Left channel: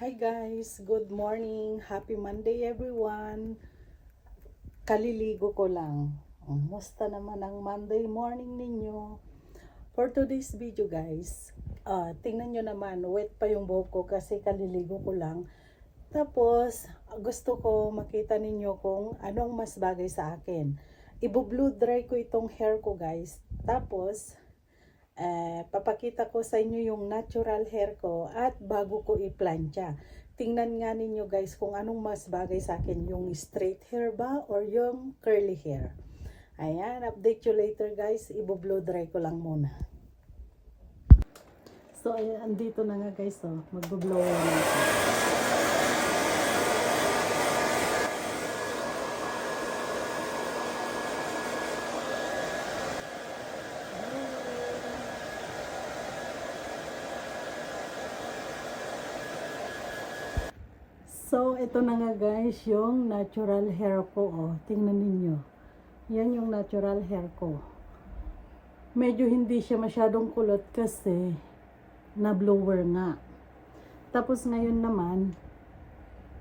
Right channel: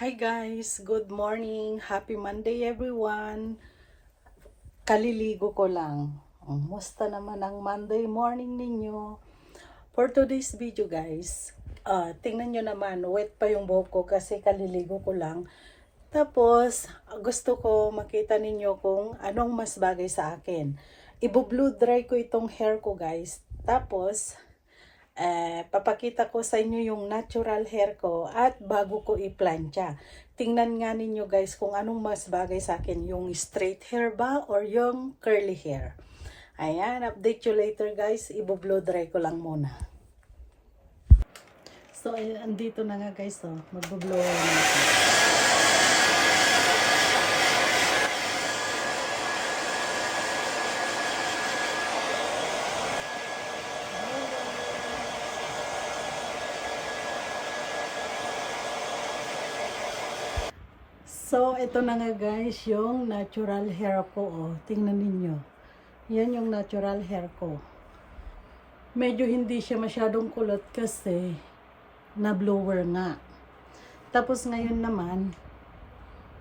Hi guys, good morning. Happy Monday everyone. Kaliligo ko lang. Musta naman ang Monday morning ninyo? For today's video guys, tingnan nyo naman, wet pa yung buhok ko kasi kaliligo ko lang. Tapos, gusto ko makita ninyo kung anong mas bagay sa akin. Ibo-blow dry ko itong hair ko guys. Tapos, papakita ko sa inyo yung natural hair ko at bago ko i-plancha. Tingnan nga ninyo guys kung anong mas bagay sa akin, yung straight hair ba or yung curly hair. Ayan, update you later guys. Ibo-blow dry ko lang muna. So, ayan, andito na nga guys, oh. Magbo-blower na ako. So, ito na nga guys, yung natural hair ko, oh. Tingnan ninyo. Yan yung natural hair ko. Medyo hindi siya masyadong kulot kasi na-blower nga. Tapos ngayon naman,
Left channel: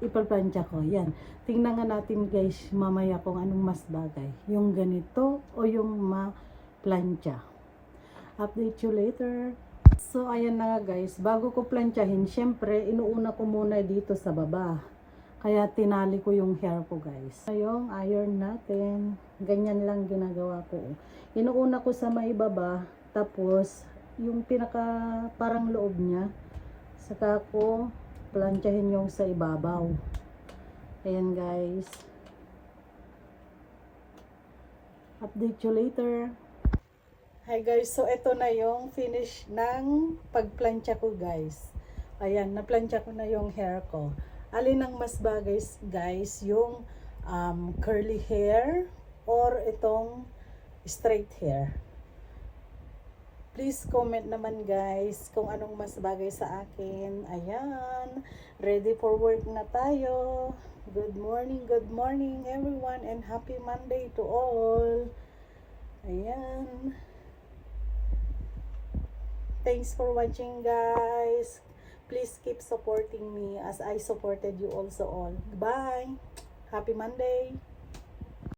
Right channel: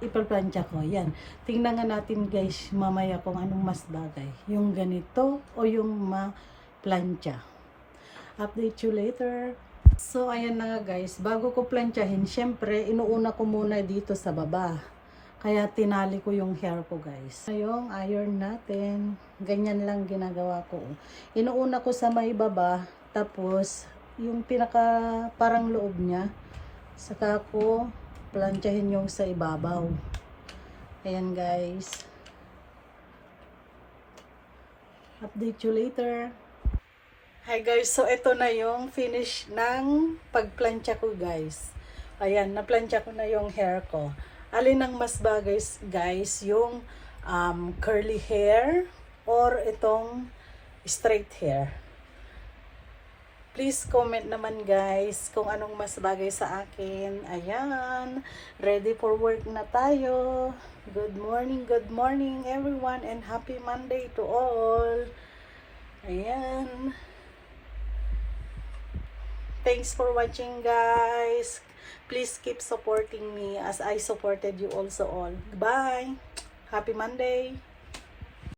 ipalplancha ko. Yan. Tingnan nga natin guys, mamaya kung anong mas bagay. Yung ganito o yung ma-plancha. Update you later. So, ayan na nga guys. Bago ko planchahin, syempre, inuuna ko muna dito sa baba. Kaya tinali ko yung hair ko guys. Ngayong iron natin. Ganyan lang ginagawa ko. Inuuna ko sa may baba. Tapos, yung pinaka parang loob niya. Saka ko planchahin yung sa ibabaw. Ayan guys. Update you later. Hi guys, so ito na yung finish ng pagplancha ko guys. Ayan, naplancha ko na yung hair ko. Alin ang mas bagay guys, yung curly hair or itong straight hair? Please comment naman guys kung anong mas bagay sa akin. Ayan, ready for work na tayo. Good morning everyone and happy Monday to all. Ayan. Thanks for watching guys. Please keep supporting me as I supported you also all. Bye. Happy Monday.